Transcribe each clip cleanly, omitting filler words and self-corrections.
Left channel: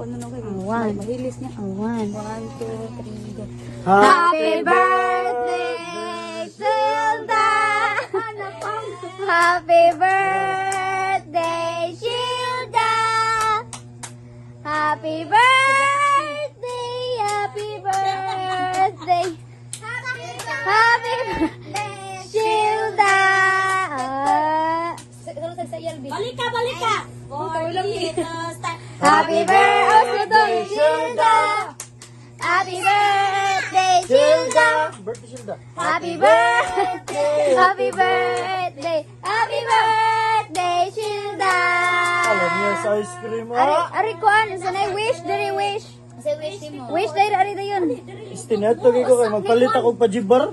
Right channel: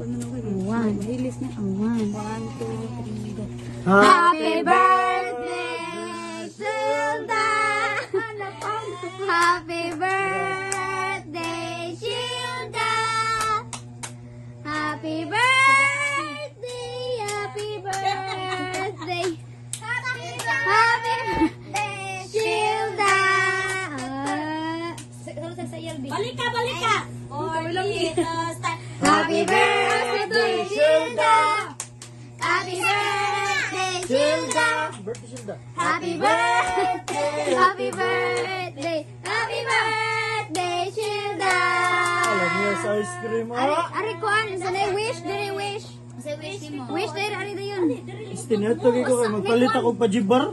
One. Mahilis niya. One. 1, 2, 3, go. Happy birthday, Shilda! Happy birthday, Shilda! Happy birthday, happy birthday. Happy birthday, Shilda! Balika, balika! Happy birthday, Shilda! Happy birthday, Shilda! Birthday Shilda. Happy birthday! Happy birthday! Happy birthday, Shilda! Alam niya sa ice cream. Ari ko ano, sanay wish, dali wish. Wish dahil ari na yun. Istinato ko kay magpalit ako pa jibar.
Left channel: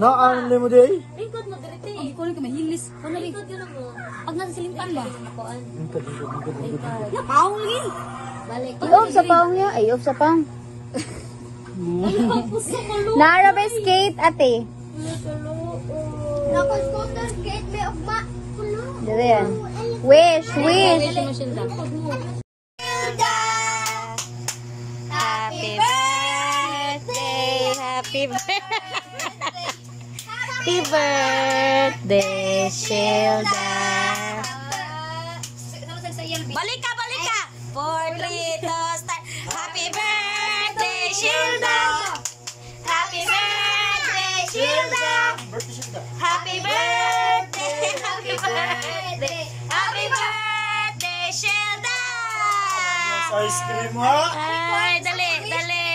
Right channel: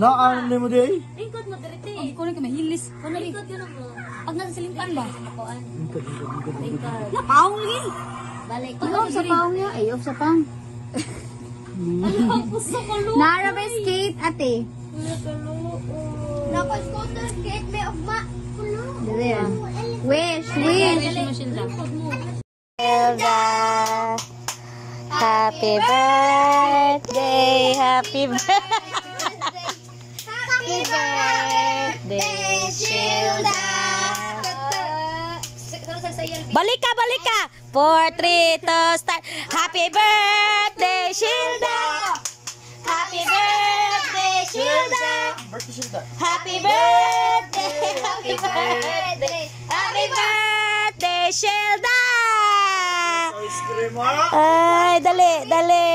Na ang mo day. Lingkod mo, diriti. Hindi ko na kinahilis. Lingkod yun mo. Pag nasa silingkan mo. Napaong lagi. Balik. Iyog sa paong niya. Ay, iyog sa paong. Nara ba skate, ate? Naka-scooter skate, may ugma. Dali yan. Wish, wish. Shilda, happy birthday, happy birthday. Happy birthday, Shilda. Balika, balika! 4, 3, 2, start! Happy birthday, Shilda! Happy birthday, Shilda. Birthday Shilda. Happy birthday, happy birthday, happy birthday, Shilda! Sa ice cream ha. Ay, dali, dali!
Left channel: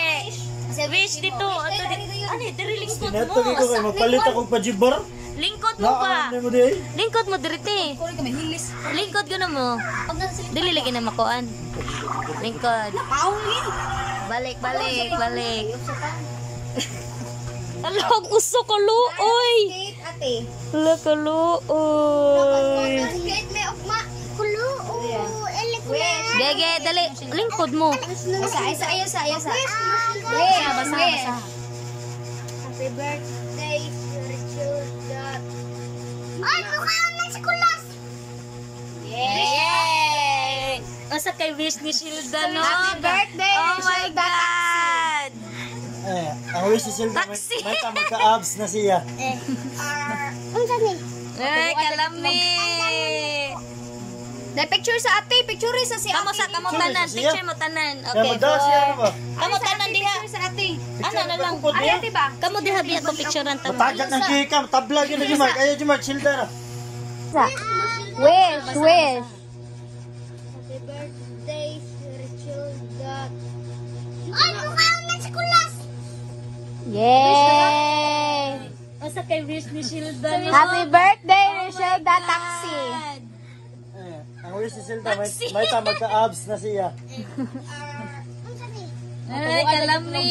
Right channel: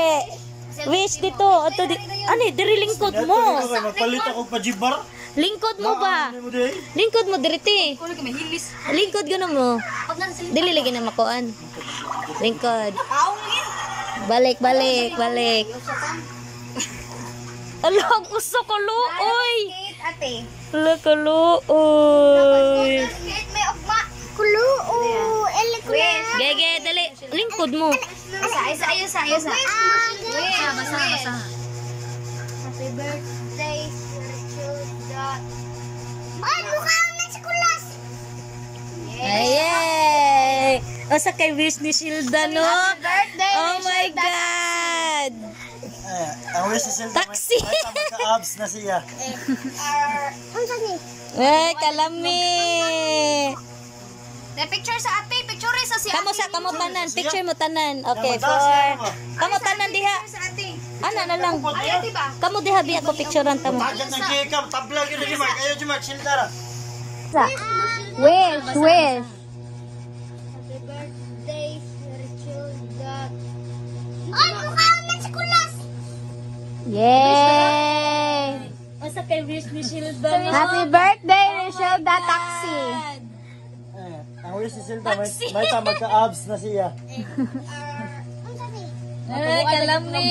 Wish dito. Ito, ano, diri lingkod Istinato mo. ko kay magpalit ako pa jibar. Lingkod mo ba? Na mo day. Lingkod mo, diriti. Hindi ko na kinahilis. Lingkod ka na mo. Dili lagi na makuan. Lingkod. Napaong lagi. Balik, balik, balik. Alam, uso ko luoy. Skate, ate. Ala ka luoy. Skate, may ugma. Kuluo. Wish. Gege, dali. Lingkod mo. Isa. Wish. Wish. Happy birthday, Shilda. Ay, mukha na si Kulas. Yay! Asa kay wish ni Shilda, no? Happy birthday, Oh my Shilda. God! Ang wish ni Shilda. Taxi. May magka-abs na siya. Ay, kalami. The picture sa ate, picture sa si Kamo sa kamo tanan, picture mo tanan. Okay, Kamo daw siya, for ba? kamo tanan diha. sa ate. Ana na lang. Ay, ate ba? Kamo diha biya ko picturean ta mo. Tagat ng kikam. Tablag yun na Jumar. Ayaw Jumar. Shilda ra. Wish. Happy birthday, Shilda. Ay, mukha na si Kulas. Yay! Asa kay wish ni Shilda. Happy birthday, Shilda Taxi. Ang wish ni Shilda. May magka-abs na siya. Ay, kalami.